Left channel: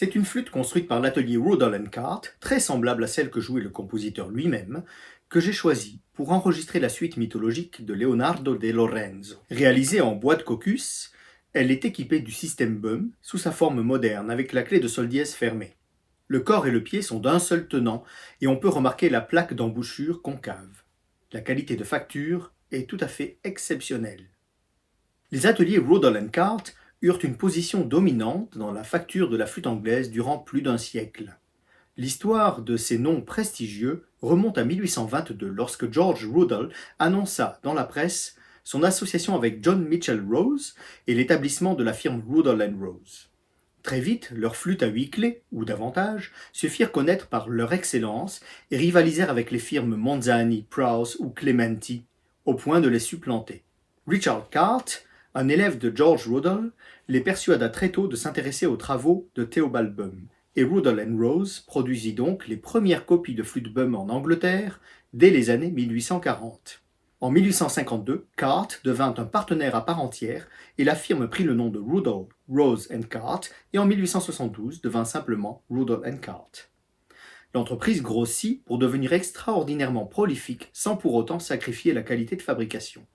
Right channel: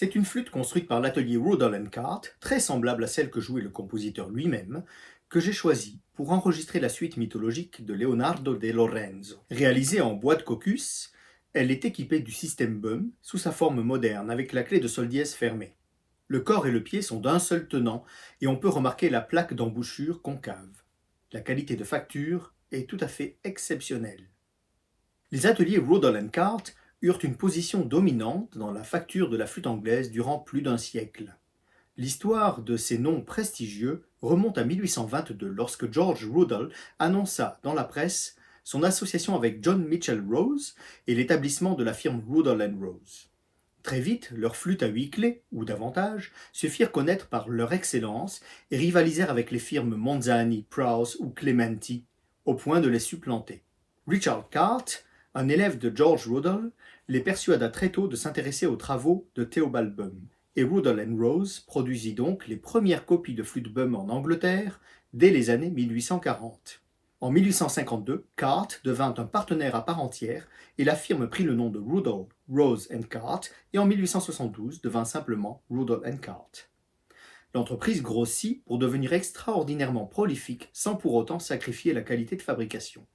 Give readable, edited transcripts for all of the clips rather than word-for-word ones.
C'est une flûte construite par l'atelier Rudall & Cart, très semblable à celle que jouait le compositeur lui-même, que j'ai choisie pour enregistrer la suite mythologique de Leonardo de Lorenzo. Réalisée en bois de caucus, elle est équipée du système BUM sous sa forme moderne avec la clé de sol dièse fermée. Le corps et le pied sont d'un seul tenant et on peut remarquer la plaque d'embouchure concave. La qualité de facture est tout à fait exceptionnelle. Les ateliers Rudall & Cart eurent une position dominante dans la facture de la flûte anglaise durant plus d'un siècle. L'histoire de ces noms prestigieux remonte à 1822 lorsque George Rudall annonça dans la presse son association avec John Mitchell Rose et l'établissement de la firme Rudall & Rose. Très vite, leurs flûtes à 8 clés, ou davantage, se firent connaître par leur excellence et rivalisèrent avec les firmes Monzani, Prowse ou Clementi, au point de les supplanter. Richard Cart, un élève de George Rudall, les persuada très tôt de s'intéresser aux travaux de Theobald Bum, et Rudall & Rose produisit donc les premières copies de flûtes Bum en Angleterre dès les années 1840. En 1852, Cart devint un partenaire à part entière et la firme prit le nom de Rudall, Rose & Cart et en 1872 devint simplement Rudall & Cart. L'entreprise grossit pour devenir extraordinairement prolifique sans pour autant sacrifier la qualité de fabrication.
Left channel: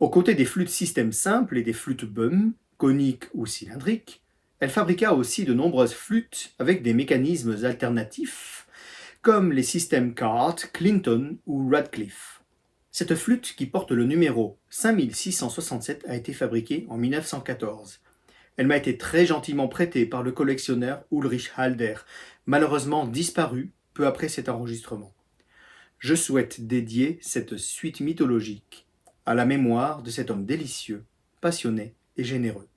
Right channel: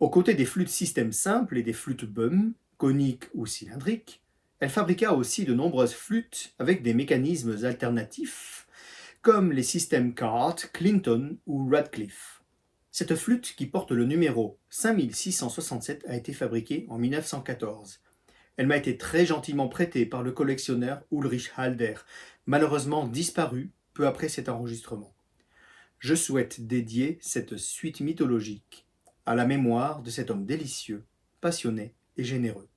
Aux côtés des flûtes système simples et des flûtes Bum, coniques ou cylindriques, elle fabriqua aussi de nombreuses flûtes avec des mécanismes alternatifs, comme les systèmes Cart, Clinton ou Radcliffe. Cette flûte, qui porte le numéro 5667, a été fabriquée en 1914. Elle m'a été très gentiment prêtée par le collectionneur Ulrich Halder, malheureusement disparu peu après cet enregistrement. Je souhaite dédier cette suite mythologique à la mémoire de cet homme délicieux, passionné et généreux.